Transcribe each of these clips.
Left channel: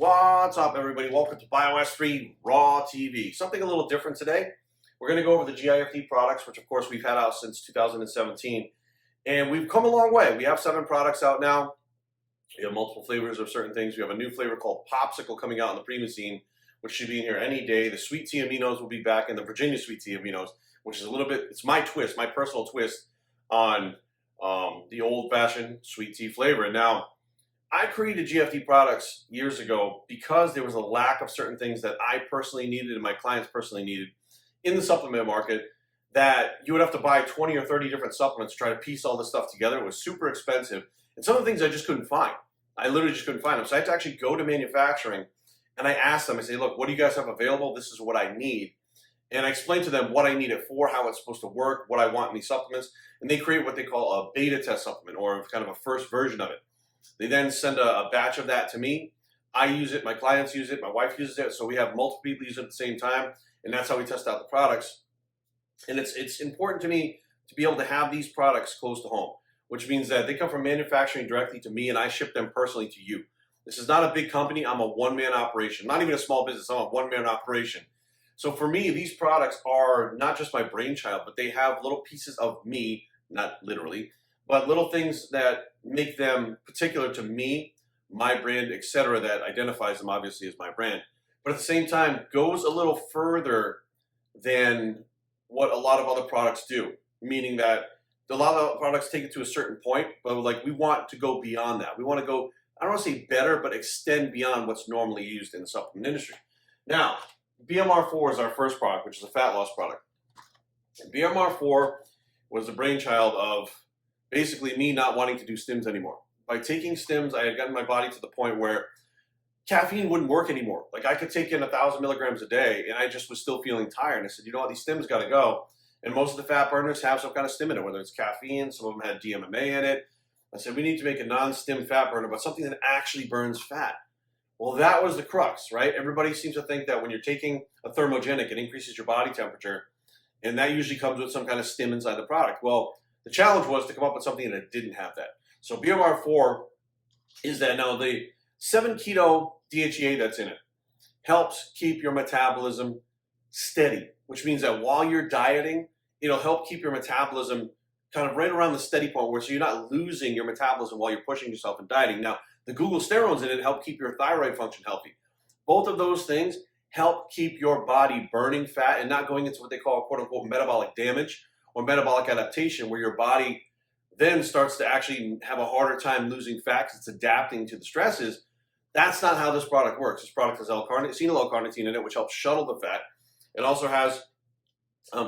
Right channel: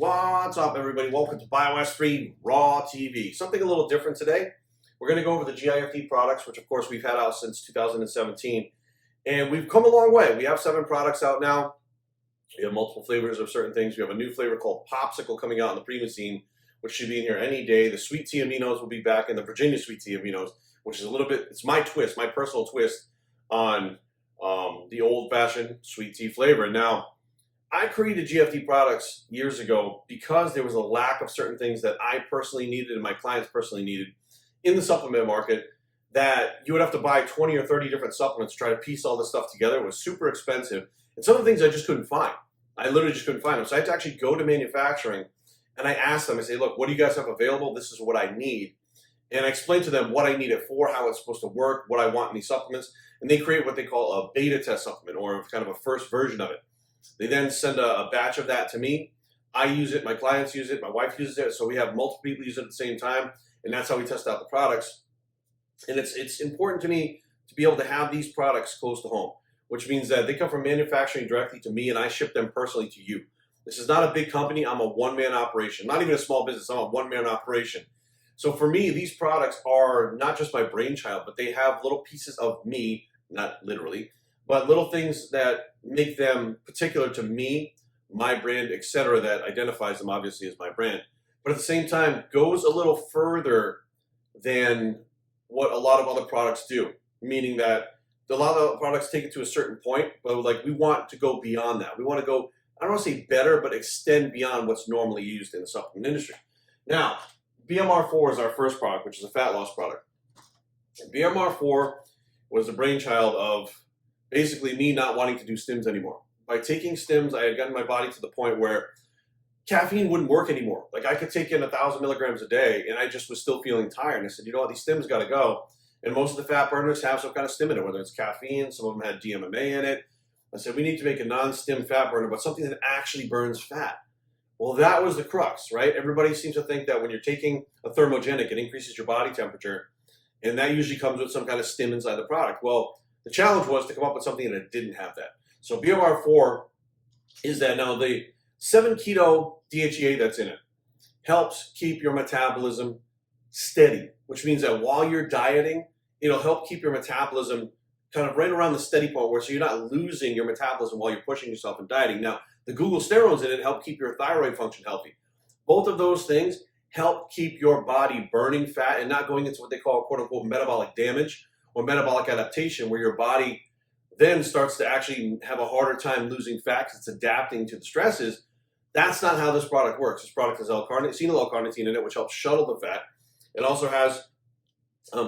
What's up, everybody? Welcome to BioS3 Raw TV. Something a little different today. We're going to go over the GIFD products, which of course we've had out since 2017. And we've come a long way. We have 7 products out now. We have multiple flavors of certain things. We have a new flavor called Popsicle coming out in the premium scene, which should be in here any day. The Sweet Tea Aminos will be back, and the Virginia Sweet Tea Aminos, which is a little bit, it's my twist, my personal twist on the old-fashioned sweet tea flavor. Now, I created GFD products years ago because there was a lack of certain things that I personally needed and my clients personally needed in the supplement market, that you would have to buy 20 or 30 different supplements to try to piece all this stuff together. It was super expensive. And some of the things I just couldn't find. I literally just couldn't find them. So I had to actually go to manufacturing and I asked them, I say, look, what do you guys have available? This is what I need. And I explained to them what I need it for, how it's supposed to work, what I want in these supplements. And they create what they call a beta test supplement, or kind of a first version of it. They then send a batch of that to me. I use it, my clients use it, my wife uses it, so we have multiple people use it at the same time, and that's how we test out the products. And it's important to me to be able to have these products close to home, which means that they come from manufacturing directly to me, and I ship them personally to you. This is not a big company. I'm a one-man operation, not even a small business. I'm a one-man operation. So for me, these products are not just my brainchild, but they have little pieces of me, not literally, but little things that make them particular to me, my brand, etc., that identifies them obviously as my brand. But at the same time, goes a little further than what a lot of other products do, meaning that a lot of products take it to a certain point, but like we want to go beyond that. We want to go, I don't want to say better, but extend beyond what's normally used in the supplement industry. Now, BMR4 is our first product, which is a fat loss product. And BMR4 was the brainchild of basically me not wanting to do stims anymore. By taking stims, I had gotten my body to the point where caffeine wouldn't work anymore. Like I could take in 1,000 milligrams a day and I just was still feeling tired. And I said, you know what, these stims gotta go. And most of the fat burners have some kind of stim in it, whether it's caffeine, some of them had DMMA in it. I said, we need to make a non-stim fat burner, but something that actually burns fat. Well, that was the crux, right? Everybody seems to think that when you're taking a thermogenic, it increases your body temperature. And that usually comes with some kind of stim inside the product. Well, the challenge was to come up with something that didn't have that. So BMR4 is that now the 7-keto DHEA that's in it helps keep your metabolism steady, which means that while you're dieting, it'll help keep your metabolism kind of right around the steady point where so you're not losing your metabolism while you're pushing yourself and dieting. Now, the glucosterols in it help keep your thyroid function healthy. Both of those things help keep your body burning fat and not going into what they call quote unquote metabolic damage or metabolic adaptation, where your body then starts to actually have a harder time losing fat because it's adapting to the stresses. That's not how this product works. This product has acetyl L-carnitine in it, which helps shuttle the fat. It also has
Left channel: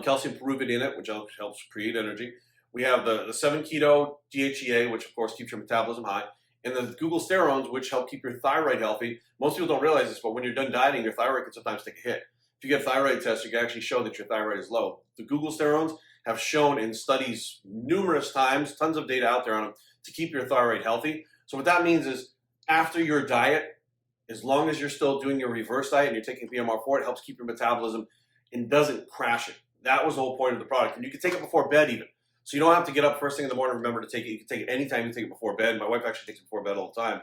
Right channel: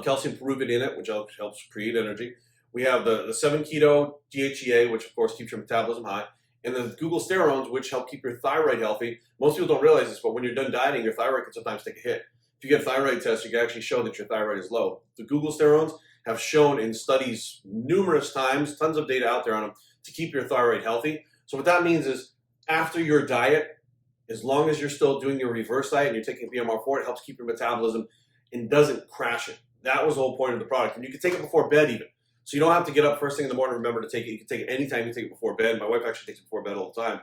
calcium pyruvate in it, which helps create energy. We have the 7-keto DHEA, which of course keeps your metabolism high, and the glucosterols, which help keep your thyroid healthy. Most people don't realize this, but when you're done dieting, your thyroid can sometimes take a hit. If you get thyroid tests, you can actually show that your thyroid is low. The glucosterols have shown in studies numerous times, tons of data out there on them, to keep your thyroid healthy. So what that means is after your diet, as long as you're still doing your reverse diet and you're taking BMR4, it helps keep your metabolism and doesn't crash it. That was the whole point of the product. And you can take it before bed even. So you don't have to get up first thing in the morning and remember to take it. You can take it anytime you take it before bed. My wife actually takes it before bed all the time.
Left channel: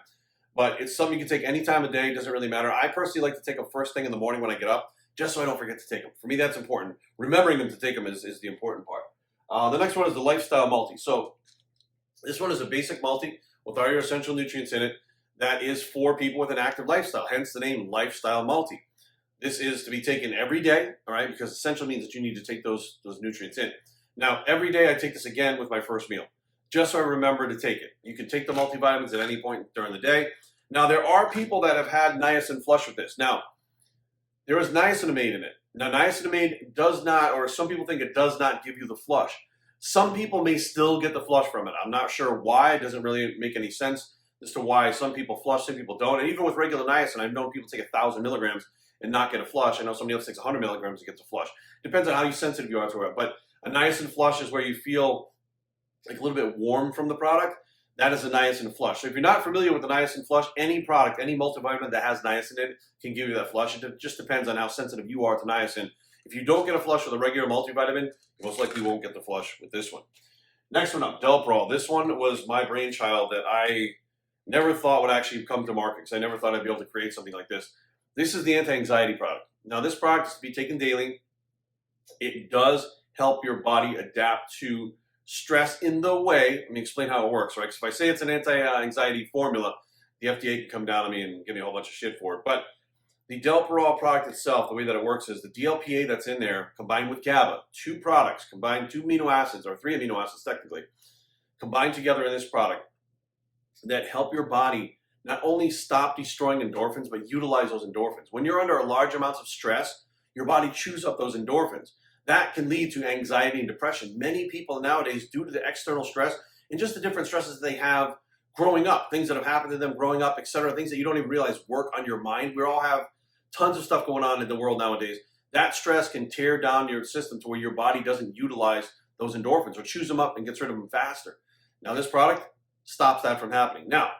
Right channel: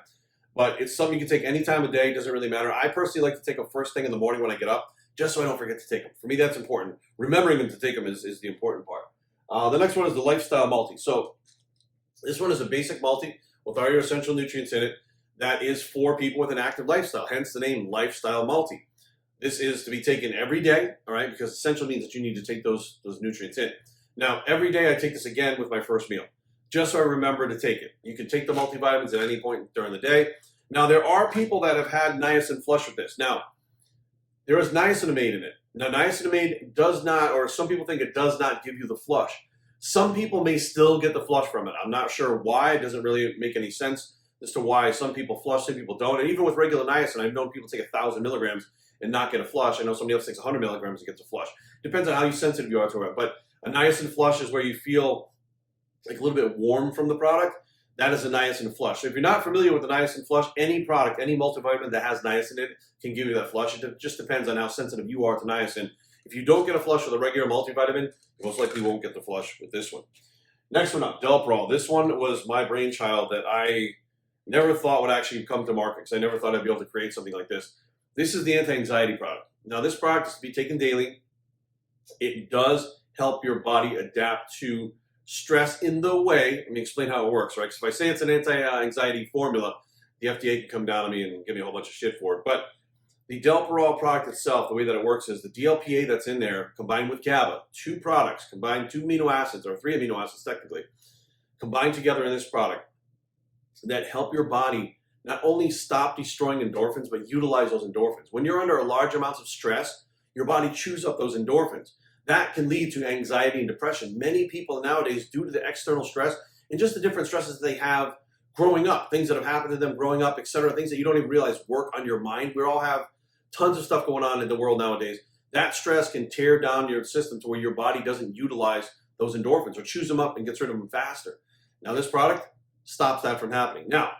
But it's something you can take any time of day. It doesn't really matter. I personally like to take them first thing in the morning when I get up, just so I don't forget to take them. For me, that's important. Remembering them to take them is the important part. The next one is the Lifestyle Multi. So this one is a basic multi with all your essential nutrients in it that is for people with an active lifestyle, hence the name Lifestyle Multi. This is to be taken every day, all right, because essential means that you need to take those nutrients in. Now, every day I take this again with my first meal, just so I remember to take it. You can take the multivitamins at any point during the day. Now, there are people that have had niacin flush with this. Now, there is niacinamide in it. Now, niacinamide does not, or some people think it does not give you the flush. Some people may still get the flush from it. I'm not sure why. It doesn't really make any sense as to why some people flush, some people don't. And even with regular niacin, I've known people take 1,000 milligrams and not get a flush. I know somebody else takes 100 milligrams and gets a flush. Depends on how sensitive you are to it. But a niacin flush is where you feel like a little bit warm from the product. That is a niacin flush. So if you're not familiar with the niacin flush, any product, any multivitamin that has niacin in it can give you that flush. It just depends on how sensitive you are to niacin. If you don't get a flush with a regular multivitamin, you most likely won't get the flush with this one. Next one up, Delprol. This one was my brainchild that I Never thought would actually come to market because I never thought I'd be able to create something like this. This is the anti-anxiety product. Now, this product is to be taken daily. It does help your body adapt to stress in the way. Let me explain how it works, right? So if I say it's an anti-anxiety formula, the FDA can come down on me and give me a whole bunch of shit for it. But the Delparol product itself, the way that it works is the DLPA that's in there combined with GABA, two products, combined two amino acids, or three amino acids technically, combined together in this product that help your body not only stop destroying endorphins, but utilize those endorphins. When you're under large amounts of stress, your body chews up those endorphins. That can lead to anxiety and depression. Many people nowadays, due to the external stress and just the different stresses they have growing up, things that have happened to them growing up, etc., things that you don't even realize work on your mind. We all have tons of stuff going on in the world nowadays. That stress can tear down your system to where your body doesn't utilize those endorphins or chews them up and gets rid of them faster. Now, this product stops that from happening. Now,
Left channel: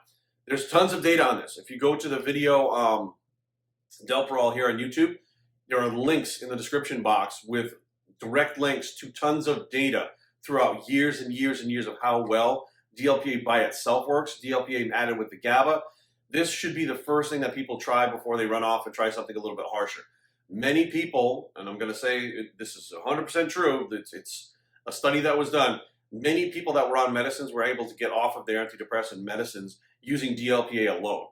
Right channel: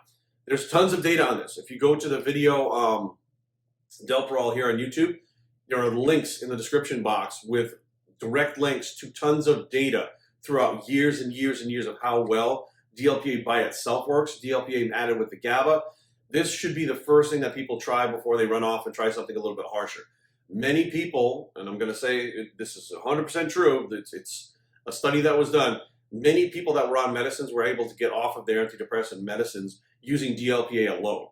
there's tons of data on this. If you go to the video Delparol here on YouTube, there are links in the description box with direct links to tons of data throughout years and years and years of how well DLPA by itself works, DLPA added with the GABA. This should be the first thing that people try before they run off and try something a little bit harsher. Many people, and I'm going to say this is 100% true, it's a study that was done, many people that were on medicines were able to get off of their antidepressant medicines using DLPA alone.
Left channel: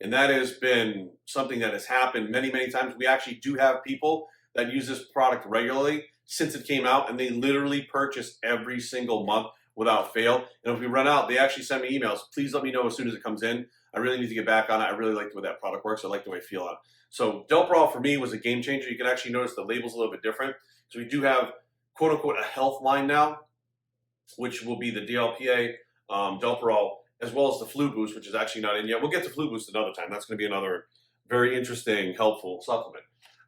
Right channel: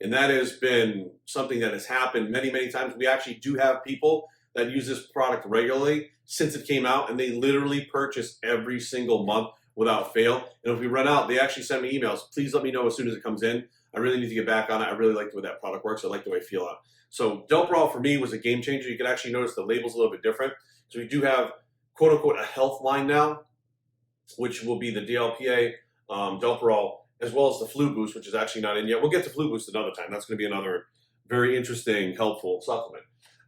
And that has been something that has happened many, many times. We actually do have people that use this product regularly since it came out, and they literally purchase every single month without fail. And if we run out, they actually send me emails. Please let me know as soon as it comes in. I really need to get back on it. I really like the way that product works. I like the way I feel on it. So Delparol for me was a game changer. You can actually notice the label's a little bit different. So we do have, quote unquote, a health line now, which will be the DLPA, Delparol, as well as the Flu Boost, which is actually not in yet. We'll get to Flu Boost another time. That's going to be another very interesting, helpful supplement.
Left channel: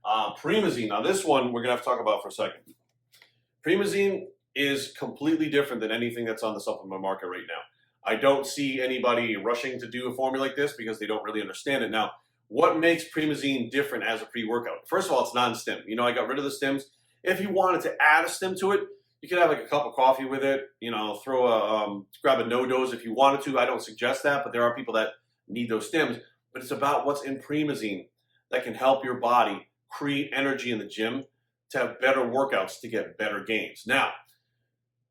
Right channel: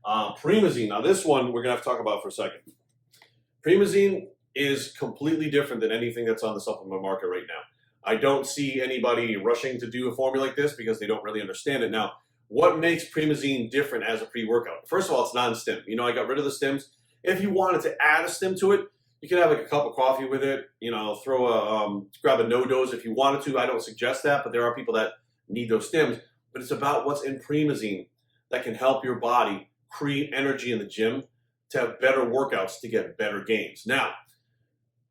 Promazine. Now, this one we're going to have to talk about for a second. Promazine is completely different than anything that's on the supplement market right now. I don't see anybody rushing to do a formula like this because they don't really understand it. Now, what makes Promazine different as a pre-workout? First of all, it's non-stim. You know, I got rid of the stims. If you wanted to add a stim to it, you could have like a cup of coffee with it, you know, grab a no-dose if you wanted to. I don't suggest that, but there are people that need those stims. But it's about what's in Promazine that can help your body create energy in the gym to have better workouts to get better gains. Now,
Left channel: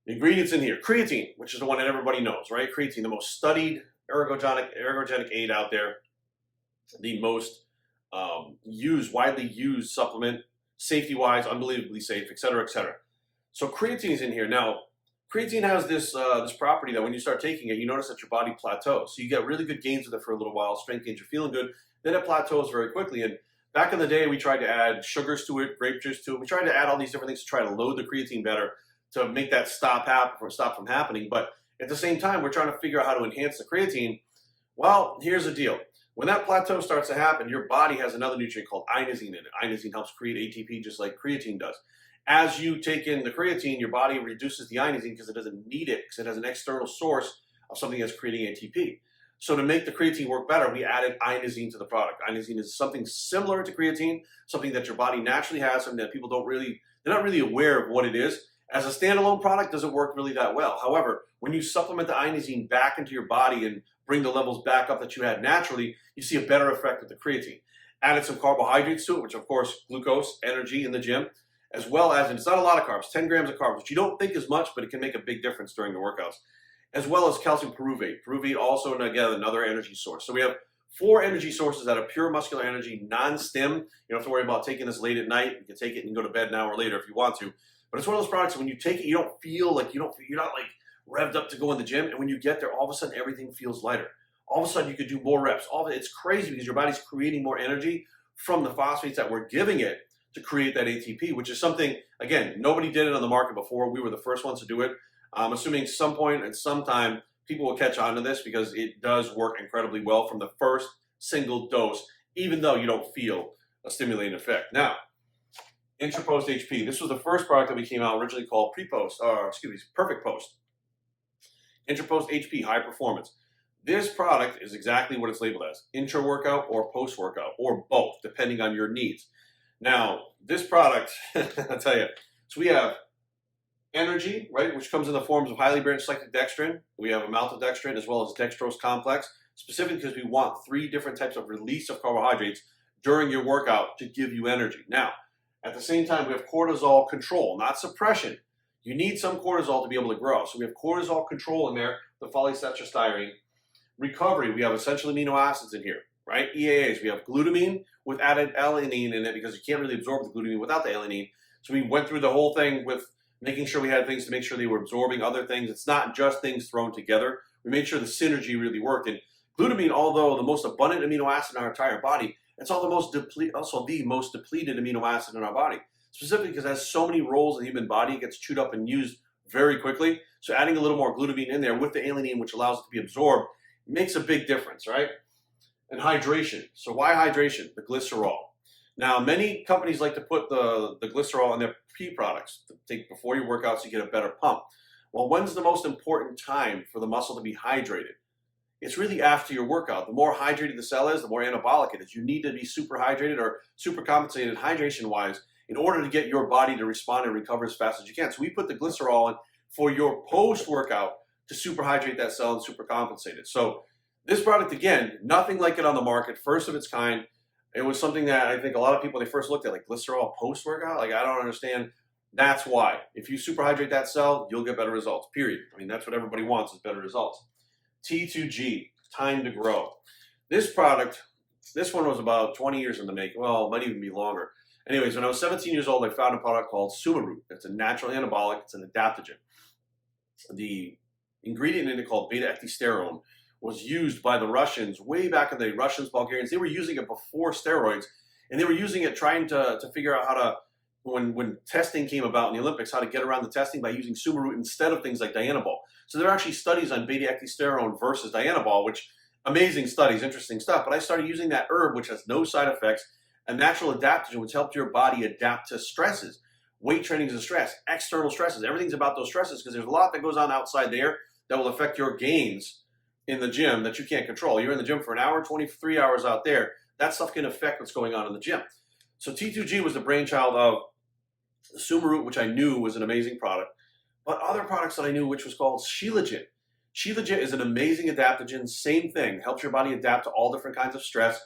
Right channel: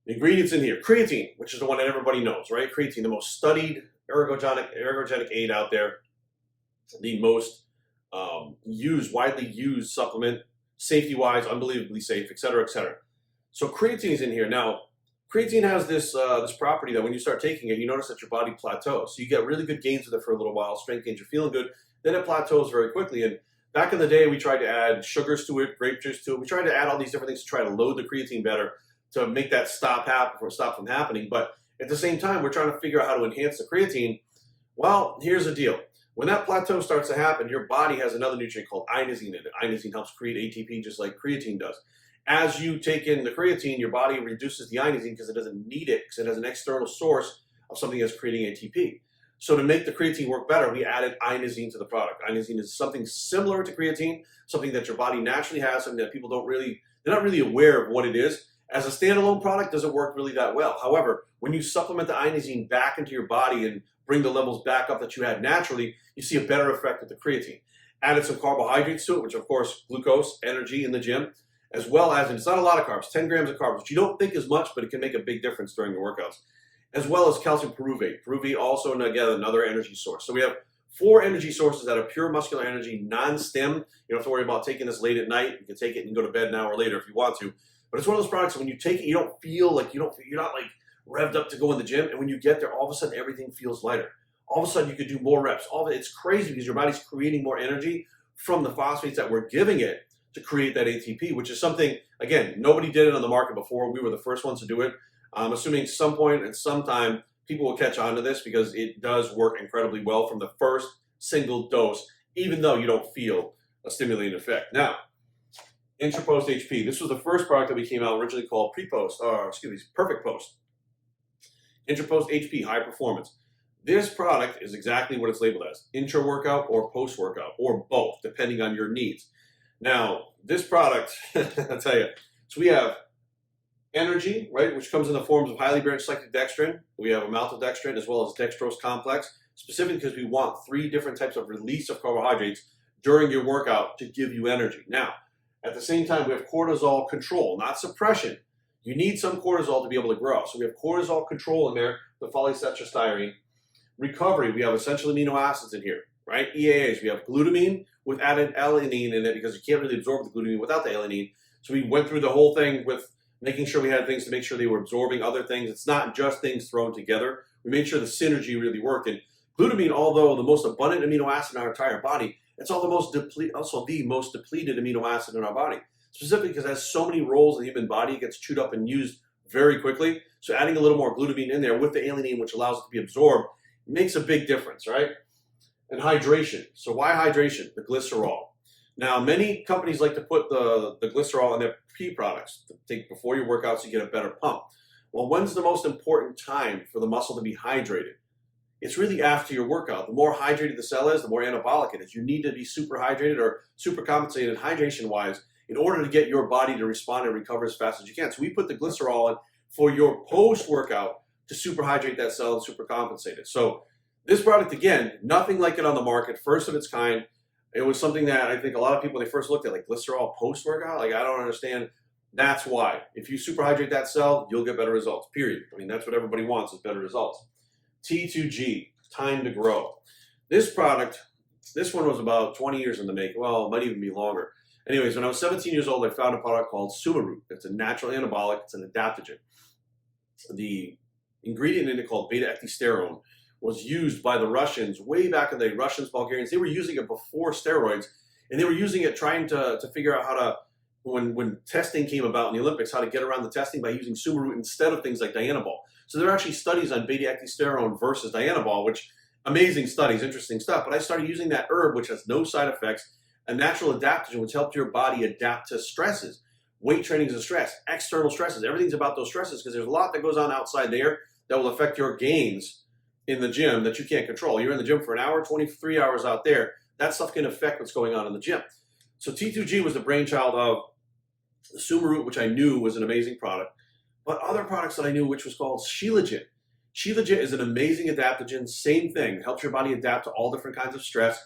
the ingredients in here, creatine, which is the one that everybody knows, right? Creatine, the most studied ergogenic aid out there, the most widely used supplement, safety-wise, unbelievably safe, et cetera, et cetera. So creatine is in here. Now, creatine has this property that when you start taking it, you notice that your body plateaus. So you get really good gains with it for a little while, strength gains, you're feeling good, then it plateaus very quickly. And back in the day, we tried to add sugars to it, grape juice to it. We tried to add all these different things to try to load the creatine better to make that stop from happening. But at the same time, we're trying to figure out how to enhance the creatine. Well, here's the deal. When that plateau starts to happen, your body has another nutrient called inosine in it. Inosine helps create ATP just like creatine does. As you take in the creatine, your body reduces the inosine because it doesn't need it, because it has an external source of something that's creating ATP. So to make the creatine work better, we added inosine to the product. Inosine is something similar to creatine, something that your body naturally has, something that people they're not really aware of what it is. As a standalone product, doesn't work really that well. However, when you supplement the inosine back into your body and bring the levels back up that you had naturally, you see a better effect with the creatine. Added some carbohydrates to it, which of course, glucose, energy in the gym, as well as, and it's not a lot of carbs, 10 grams of carbs, which you don't think is much, but it can make a big difference during the workouts, as well as calcium pyruvate. Pyruvate also, again, another energy source. So we have 4 energy sources that are pure muscular energy, non-stim. You don't have to worry about taking this late at night. You can take it and go to bed an hour later if you want to. But it's one of those products when you take it, you don't feel like you're not like revved up to go in the gym. And when you get there, all of a sudden everything feels lighter. All of a sudden you could do more reps. It's crazy because your body's creating more energy from the phosphates that we're giving it to create that ATP, which is something, again, nobody did it on the market before. We were the first ones to do it. I'm assuming some point and sometime people will catch on to this because it does work incredibly well from the first single dose, even though you don't feel a stimulating effect. Now, Intrapost HP. This was the first product that we came out originally called Perfect Post. Intrapost HP, high performance. This product is exactly what it's labeled as, intra-workout or post-workout, or both, depending on your needs. Now, this product, I'll tell you, so we have energy, right, which comes in the forms of highly branched cyclic dextrin. We have a maltodextrin as well as dextrose complex. specifically because we want 3 different types of release of carbohydrates during your workout to give you energy. Now, at the same time, we have cortisol control, not suppression. You need some cortisol to be able to grow. So we have cortisol control in there, the phosphatidylstyrene. Recovery, we have essential amino acids in here, right? EAAs, we have glutamine with added alanine in it because you can't really absorb the glutamine without the alanine. So we went through the whole thing with making sure we had things to make sure they were absorbing other things. It's not just things thrown together. We made sure the synergy really worked. And glutamine, although the most abundant amino acid in our entire body, it's also the most depleted amino acid in our body, specifically because it has so many roles in the human body. It gets chewed up and used very quickly. So adding a little more glutamine in there with the alanine, which allows it to be absorbed, makes a big difference, right? And hydration. So why hydration? The glycerol. Now, many companies like to put the glycerol in their products to take before your workouts to get a better pump. Well, when's the most important time for the muscle to be hydrated? It's really after your workout. The more hydrated the cell is, the more anabolic it is. You need to be super hydrated or super compensated hydration-wise in order to get your body to respond and recover as fast as you can. So we put the glycerol in for your post-workout to super hydrate that cell and super compensate it. So this product, again, nothing like it on the market, first of its kind. It was something that I think a lot of people, when they first looked at, like glycerol post-workout, like I don't understand. That's why. If you super hydrate that cell, you'll get better results, period. I mean, that's what everybody wants is better results. T2G, time to grow. This product, this one was about 20 years in the making. Well, it might even be longer. Anyways, when I was 17 years old, I found a product called Sumaroot. It's a natural anabolic. It's an adaptogen. The ingredient in it called beta-ecdysterone was used by the Russians way back in the day. Russians, Bulgarians, they were using it before steroids, and they were using it trying to figure out how to, when testing came about in the Olympics, how to get around the testing by using Sumaroot instead of things like Dianabol. So there are actually studies on beta-ecdysterone versus Dianabol, which amazing studies, interesting stuff. But I started using that herb, which has no side effects, a natural adaptogen, which helps your body adapt to stresses. Weight training is a stress, external stresses. Everything's about those stresses because there's a lot that goes on outside there that will affect your gains in the gym that you can't control. You're in the gym for an hour, 23 hours out there. That stuff can affect what's going on in the gym. So T2G was the brainchild of the Sumaroot, which I knew was an amazing product. But other products that I knew, which was called Shilajit. Shilajit is an amazing adaptogen, same thing, helps your body adapt to all different kinds of stress.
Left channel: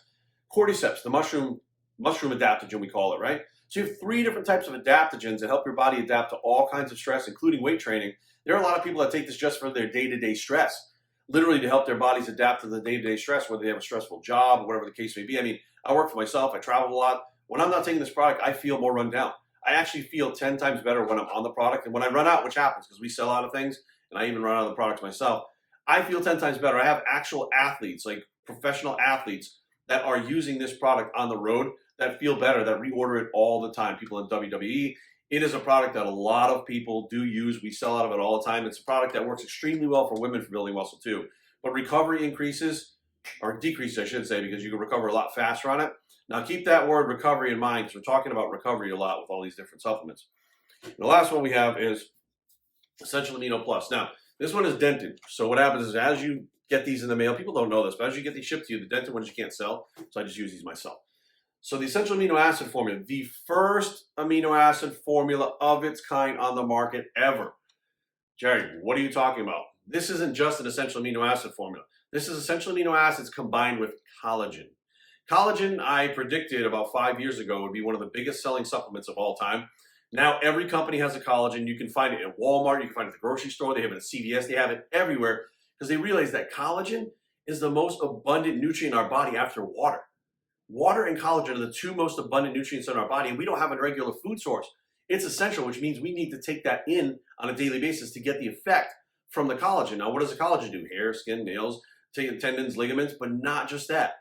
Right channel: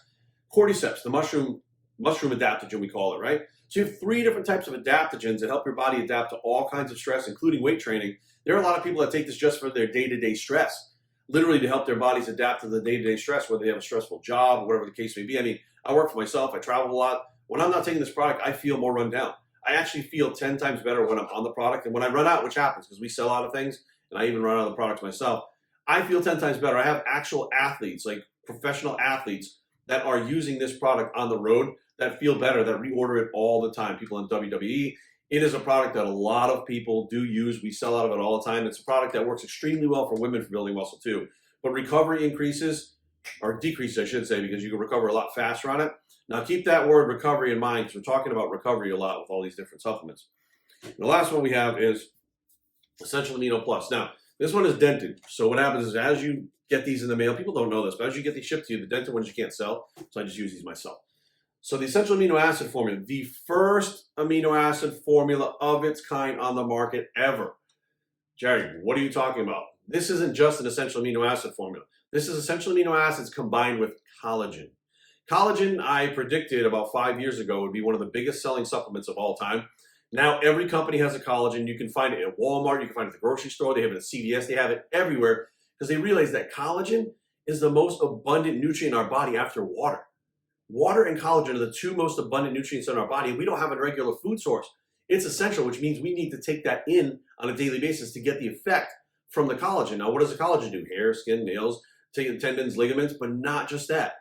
Cordyceps, the mushroom adaptogen we call it, right? So you have 3 different types of adaptogens that help your body adapt to all kinds of stress, including weight training. There are a lot of people that take this just for their day-to-day stress, literally to help their bodies adapt to the day-to-day stress, whether they have a stressful job or whatever the case may be. I mean, I work for myself, I travel a lot. When I'm not taking this product, I feel more run down. I actually feel 10 times better when I'm on the product. And when I run out, which happens because we sell out of things, and I even run out of the products myself, I feel 10 times better. I have actual athletes, like professional athletes, that are using this product on the road that feel better, that reorder it all the time. People in WWE. It is a product that a lot of people do use. We sell out of it all the time. It's a product that works extremely well for women for building muscle too. But recovery increases, or decreases, I should say, because you can recover a lot faster on it. Now, keep that word recovery in mind because we're talking about recovery a lot with all these different supplements. The last one we have is Essential Amino Plus. Now, this one is dented. So what happens is as you get these in the mail, people don't know this, but as you get these shipped to you, the dented ones you can't sell, so I just use these myself. So the Essential Amino Acid formula, the first amino acid formula of its kind on the market ever. Jerry, what are you talking about? This isn't just an essential amino acid formula. This is essential amino acids combined with collagen. Collagen, I predicted about 5 years ago, would be one of the biggest selling supplements of all time. Now every company has a collagen. You can find it at Walmart. You can find it at the grocery store. They have it at CVS. They have it everywhere because they realize that collagen is the most abundant nutrient in our body after water. Water and collagen are the 2 most abundant nutrients in our body, and we don't have a regular food source. It's essential, which means we need to take that in on a daily basis to get the effect from the collagen. Now, what does the collagen do? Hair, skin, nails, tendons, ligaments, but not just that.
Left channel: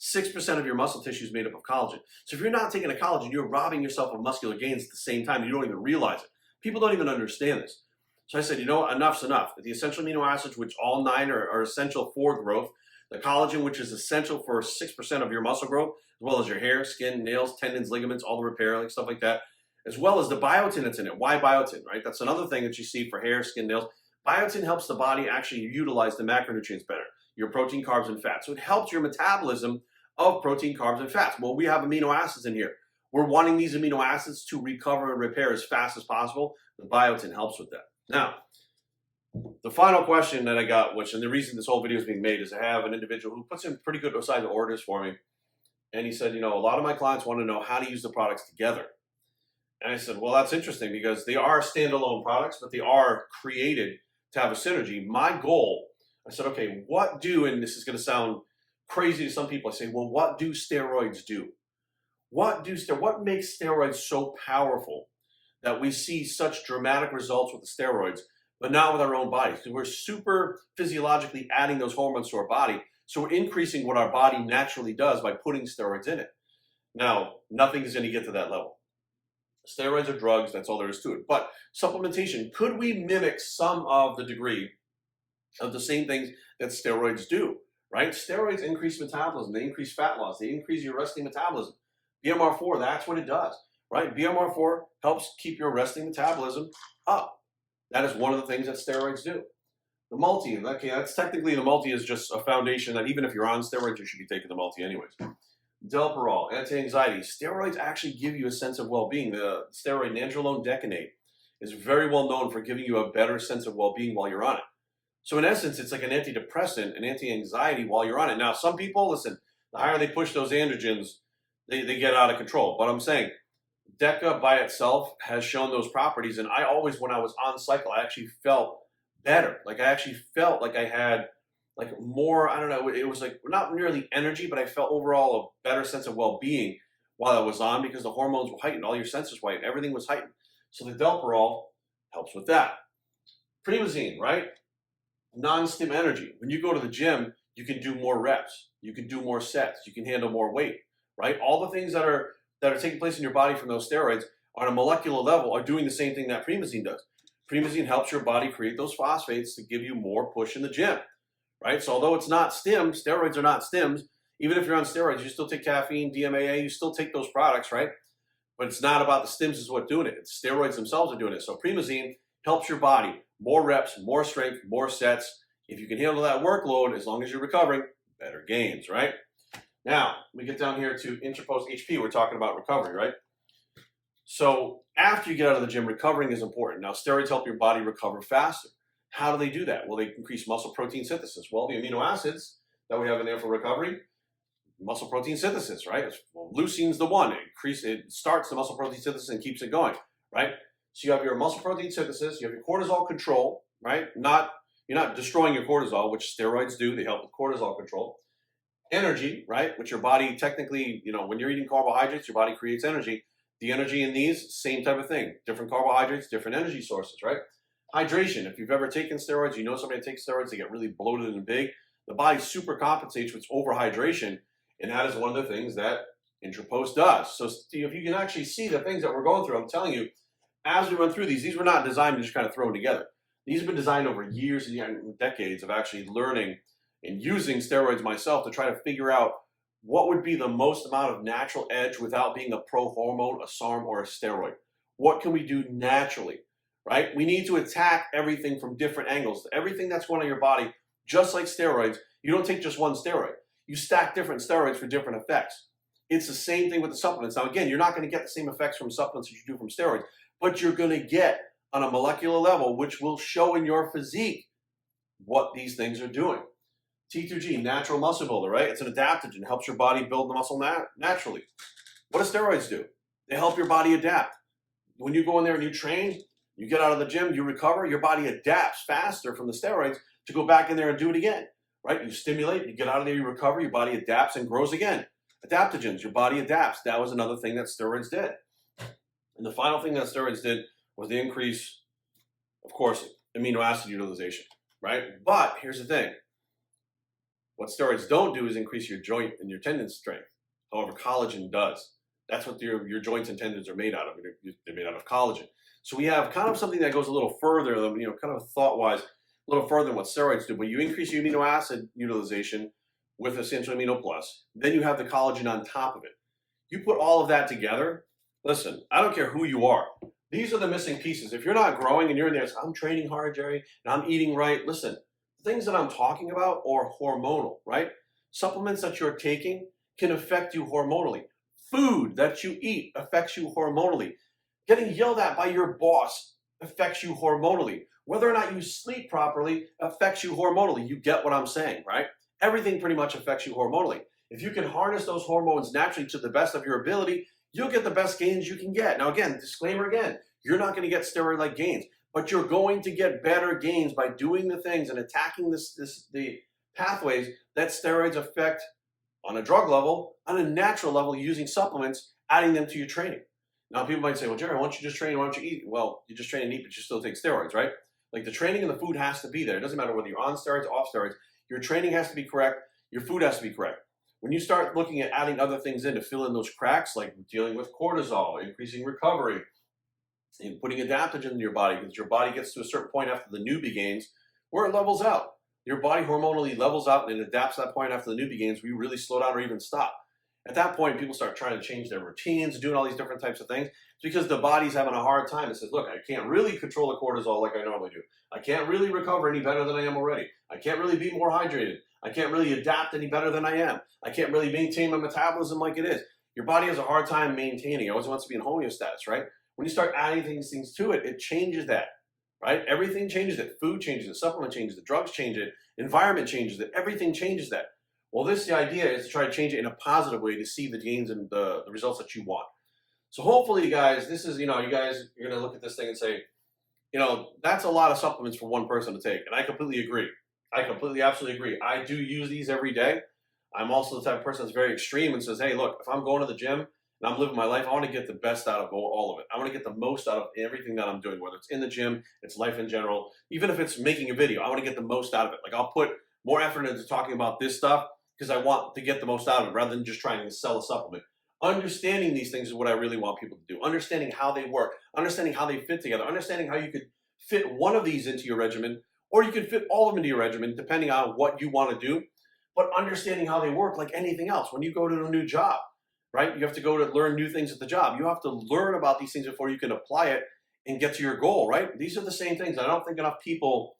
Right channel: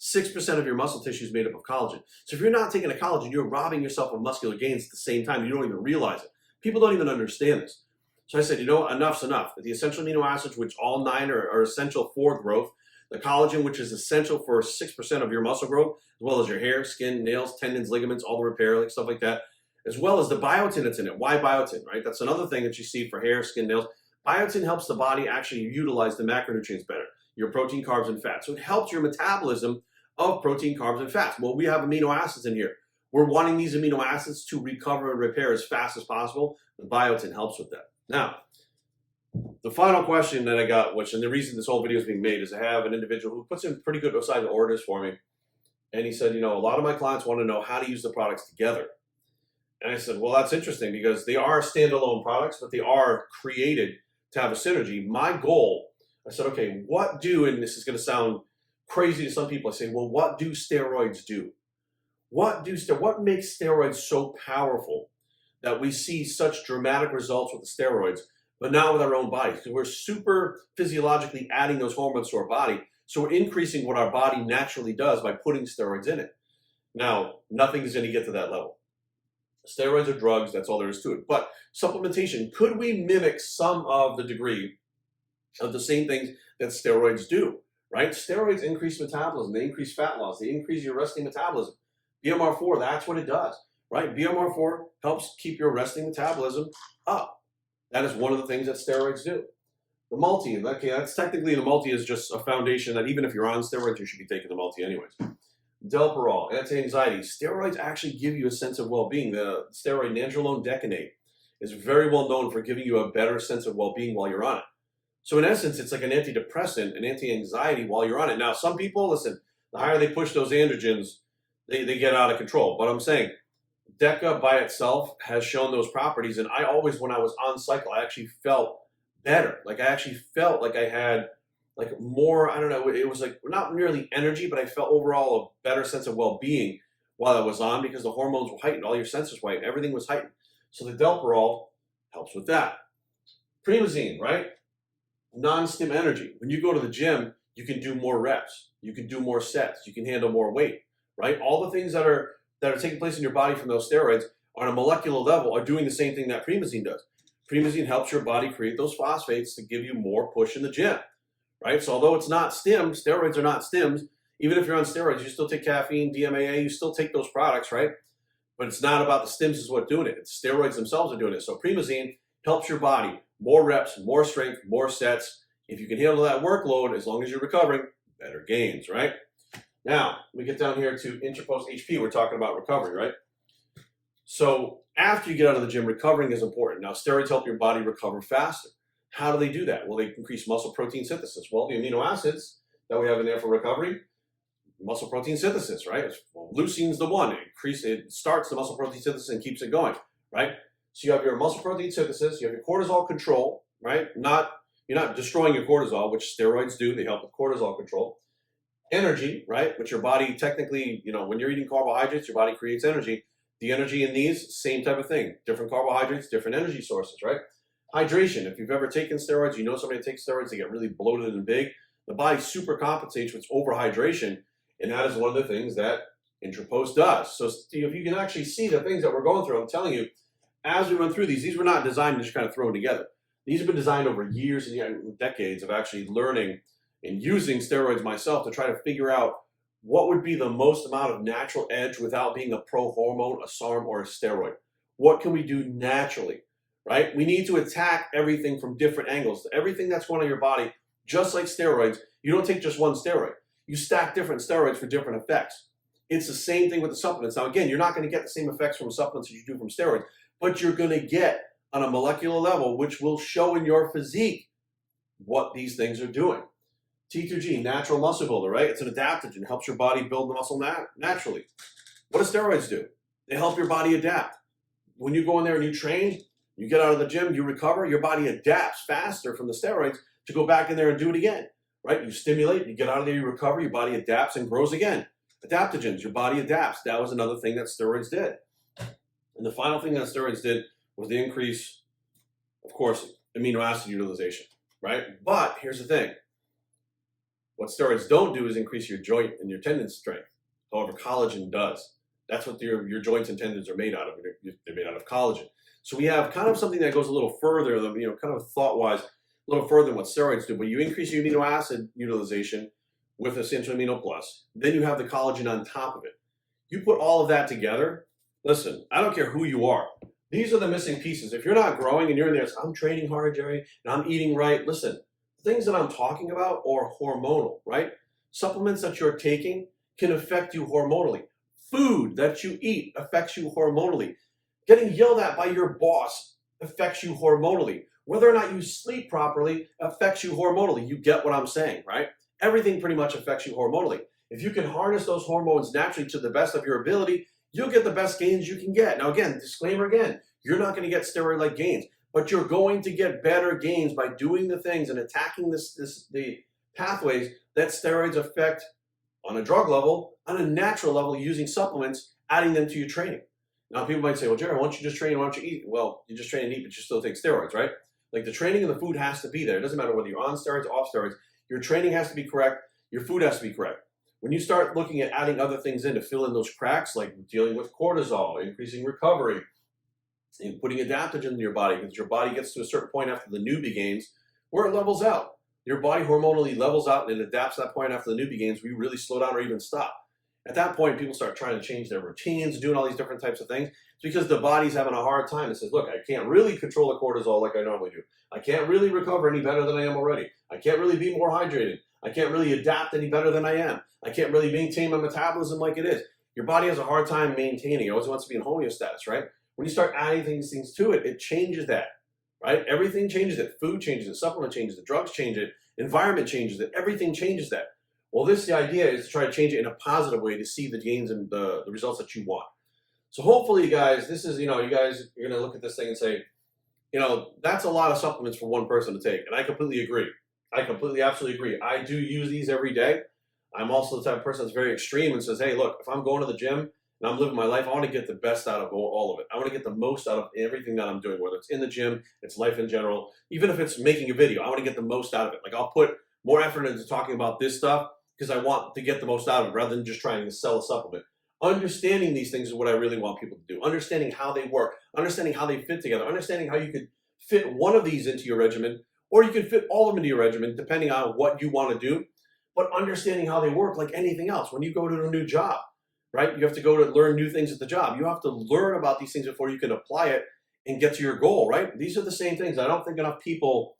6% of your muscle tissue is made up of collagen. So if you're not taking a collagen, you're robbing yourself of muscular gains at the same time. You don't even realize it. People don't even understand this. So I said, you know what? Enough's enough. The essential amino acids, which all 9 are essential for growth. The collagen, which is essential for 6% of your muscle growth, as well as your hair, skin, nails, tendons, ligaments, all the repair, like stuff like that, as well as the biotin that's in it. Why biotin, right? That's another thing that you see for hair, skin, nails. Biotin helps the body actually utilize the macronutrients better, your protein, carbs, and fats. So it helps your metabolism of protein, carbs, and fats. Well, we have amino acids in here. We're wanting these amino acids to recover and repair as fast as possible. The biotin helps with that. Now, The final question that I got, and the reason this whole video is being made, is I have an individual who puts in pretty good size orders for me. And he said, a lot of my clients want to know how to use the products together. And I said, well, that's interesting because they are standalone products, but they are created to have a synergy. My goal, I said, okay, and this is going to sound crazy to some people. I say, well, what do steroids do? What makes steroids so powerful that we see such dramatic results with the steroids, but not with our own bodies? Because we're super physiologically adding those hormones to our body. So we're increasing what our body naturally does by putting steroids in it. Now, nothing is going to get to that level. Steroids are drugs, that's all there is to it. But supplementation, could we mimic some of the degree of the same things that steroids do, right? Steroids increase metabolism, they increase fat loss, they increase your resting metabolism. BMR4, that's what it does, right? BMR4 helps keep your resting metabolism up. That is one of the things that steroids do. The multi, okay, that's technically, the multi is just a foundation that even if you're on steroids, you should be taking the multi anyways. Delparol, anti-anxiety. Steroids actually give you a sense of well-being. The steroid nandrolone decanate is very well known for giving you a better sense of well-being while you're on it. So in essence, it's like an antidepressant, an anti-anxiety while you're on it. Now, some people, listen, the higher they push those androgens, they get out of control. But I'm saying Deca by itself has shown those properties. And I always, when I was on cycle, I actually felt better. Like I actually felt like I had like more, I don't know, it was like not nearly energy, but I felt overall a better sense of well-being while I was on because the hormones were heightened, all your senses were heightened, everything was heightened. So the Delparol helps with that. Primazine, right? Non-stim energy. When you go to the gym, you can do more reps, you can do more sets, you can handle more weight, right? All the things that are taking place in your body from those steroids on a molecular level are doing the same thing that Primazine does. Primazine helps your body create those phosphates to give you more push in the gym. Right? So although it's not stims, steroids are not stims. Even if you're on steroids, you still take caffeine, DMAA, you still take those products, right? But it's not about the stims is what's doing it. It's steroids themselves are doing it. So Primazine helps your body. More reps, more strength, more sets. If you can handle that workload, as long as you're recovering, better gains, right? Now, we get down here to Interpost HP. We're talking about recovery, right? So after you get out of the gym, recovering is important. Now, steroids help your body recover faster. How do they do that? Well, they increase muscle protein synthesis. Well, the amino acids that we have in there for recovery, muscle protein synthesis, right? Well, leucine's the one. It starts the muscle protein synthesis and keeps it going, right? So you have your muscle protein synthesis, you have your cortisol control, right? You're not destroying your cortisol, which steroids do. They help with cortisol control. Energy, right? Which your body technically, when you're eating carbohydrates, your body creates energy. The energy in these, same type of thing. Different carbohydrates, different energy sources, right? Hydration. If you've ever taken steroids, you know somebody that takes steroids, they get really bloated and big. The body super compensates with overhydration, and that is one of the things that Interpost does. So if you can actually see the things that we're going through, I'm telling you, as we went through these were not designed to just kind of thrown together. These have been designed over years and decades of actually learning and using steroids myself to try to figure out what would be the most amount of natural edge without being a pro-hormone, a SARM, or a steroid. What can we do naturally? Right? We need to attack everything from different angles. Everything that's going on in your body, just like steroids, you don't take just one steroid. You stack different steroids for different effects. It's the same thing with the supplements. Now, again, you're not going to get the same effects from supplements as you do from steroids, but you're going to get on a molecular level, which will show in your physique what these things are doing. T2G, natural muscle builder, right? It's an adaptogen. It helps your body build the muscle naturally. What do steroids do? They help your body adapt. When you go in there and you train, you get out of the gym, you recover, your body adapts faster from the steroids to go back in there and do it again, right? You stimulate, you get out of there, you recover, your body adapts and grows again. Adaptogens, your body adapts. That was another thing that steroids did. And the final thing that steroids did was the increase, of course, amino acid utilization, right? But here's the thing. What steroids don't do is increase your joint and your tendon strength. However, collagen does. That's what your joints and tendons are made out of. They're made out of collagen. So we have kind of something that goes a little further than, kind of thought-wise, a little further than what steroids do. But you increase your amino acid utilization with Essential Amino Plus. Then you have the collagen on top of it. You put all of that together. Listen, I don't care who you are. These are the missing pieces. If you're not growing and you're in there, so I'm training hard, Jerry, and I'm eating right. Listen, the things that I'm talking about are hormonal, right? Supplements that you're taking can affect you hormonally. Food that you eat affects you hormonally. Getting yelled at by your boss affects you hormonally. Whether or not you sleep properly affects you hormonally. You get what I'm saying, right? Everything pretty much affects you hormonally. If you can harness those hormones naturally to the best of your ability, you'll get the best gains you can get. Now, again, disclaimer again, you're not going to get steroid-like gains, but you're going to get better gains by doing the things and attacking the pathways that steroids affect on a drug level, on a natural level, using supplements, adding them to your training. Now, people might say, well, Jerry, why don't you just train? Why don't you eat? Well, you just train and eat, but you still take steroids, right? Like the training and the food has to be there. It doesn't matter whether you're on steroids, off steroids. Your training has to be correct. Your food has to be correct. When you start looking at adding other things in to fill in those cracks, like dealing with cortisol, increasing recovery, and putting adaptogen in your body, because your body gets to a certain point after the newbie gains where it levels out. Your body hormonally levels out and it adapts to that point after the newbie gains where you really slow down or even stop. At that point, people start trying to change their routines, doing all these different types of things because the body's having a hard time. It says, look, I can't really control the cortisol like I normally do. I can't really recover any better than I am already. I can't really be more hydrated. I can't really adapt any better than I am. I can't really maintain my metabolism like it is. Your body has a hard time maintaining. It always wants to be in homeostasis, right? When you start adding things to it, it changes that, right? Everything changes it. Food changes it. Supplement changes it. Drugs change it. Environment changes it. Everything changes that. Well, the idea is to try to change it in a positive way to see the gains and the results that you want. So hopefully, you guys, this is, you guys are going to look at this thing and say, that's a lot of supplements for one person to take. And I completely agree. I completely, absolutely agree. I do use these every day. I'm also the type of person that's very extreme and says, hey, look, if I'm going to the gym and I'm living my life, I want to get the best out of all of it. I want to get the most out of everything that I'm doing, whether it's in the gym, it's life in general, even if it's making a video, I want to get the most out of it. Like I'll put more effort into talking about this stuff because I want to get the most out of it rather than just trying to sell a supplement. Understanding these things is what I really want people to do. Understanding how they work, understanding how they fit together, understanding how you could fit one of these into your regimen, or you can fit all of them into your regimen depending on what you want to do, but understanding how they work like anything else. When you go to a new job, right, you have to go to learn new things at the job. You have to learn about these things before you can apply it and get to your goal, right? These are the same things. I don't think enough people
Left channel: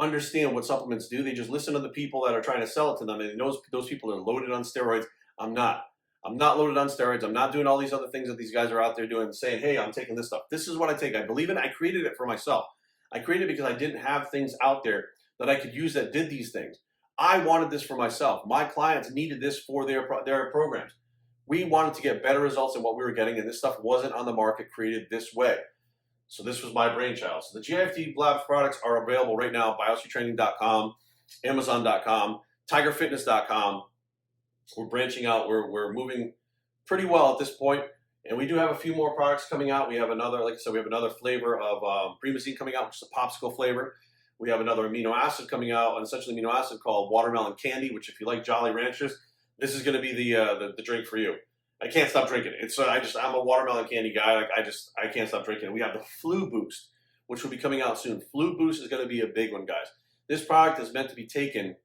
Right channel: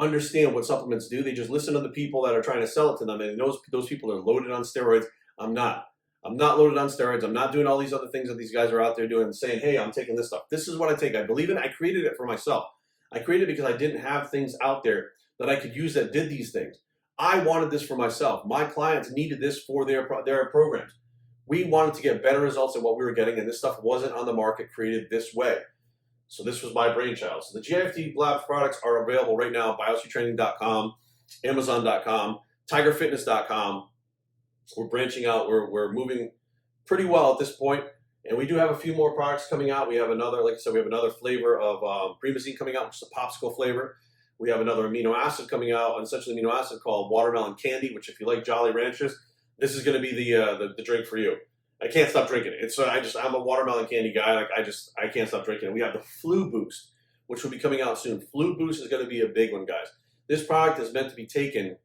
understand what supplements do. They just listen to the people that are trying to sell it to them, and those people are loaded on steroids. I'm not loaded on steroids. I'm not doing all these other things that these guys are out there doing and saying, hey, I'm taking this stuff. This is what I take. I believe in it. I created it for myself. I created it because I didn't have things out there that I could use that did these things. I wanted this for myself. My clients needed this for their programs. We wanted to get better results than what we were getting, and this stuff wasn't on the market created this way. So this was my brainchild. So the GIFT Labs products are available right now, biostraining.com, Amazon.com, TigerFitness.com. We're branching out. We're moving pretty well at this point, and we do have a few more products coming out. We have another, like I said, we have another flavor of Primatene coming out, which is a popsicle flavor. We have another amino acid coming out, an essential amino acid called watermelon candy, which if you like Jolly Ranchers, this is going to be the drink for you. I can't stop drinking it. I'm a watermelon candy guy. Like I can't stop drinking it. We have the Flu Boost, which will be coming out soon. Flu Boost is going to be a big one, guys. This product is meant to be taken.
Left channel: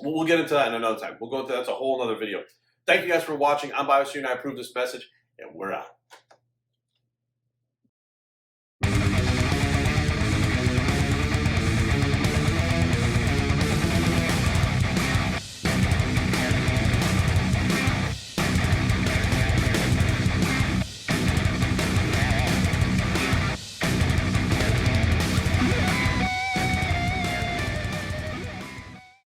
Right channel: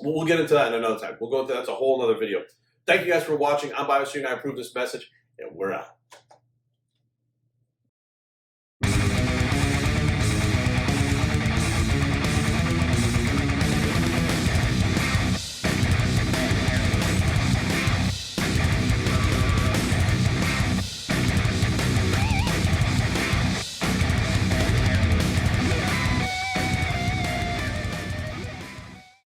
We'll get into that in another time. We'll go into that's a whole other video. Thank you guys for watching. I'm BioStream. I approve this message, and we're out.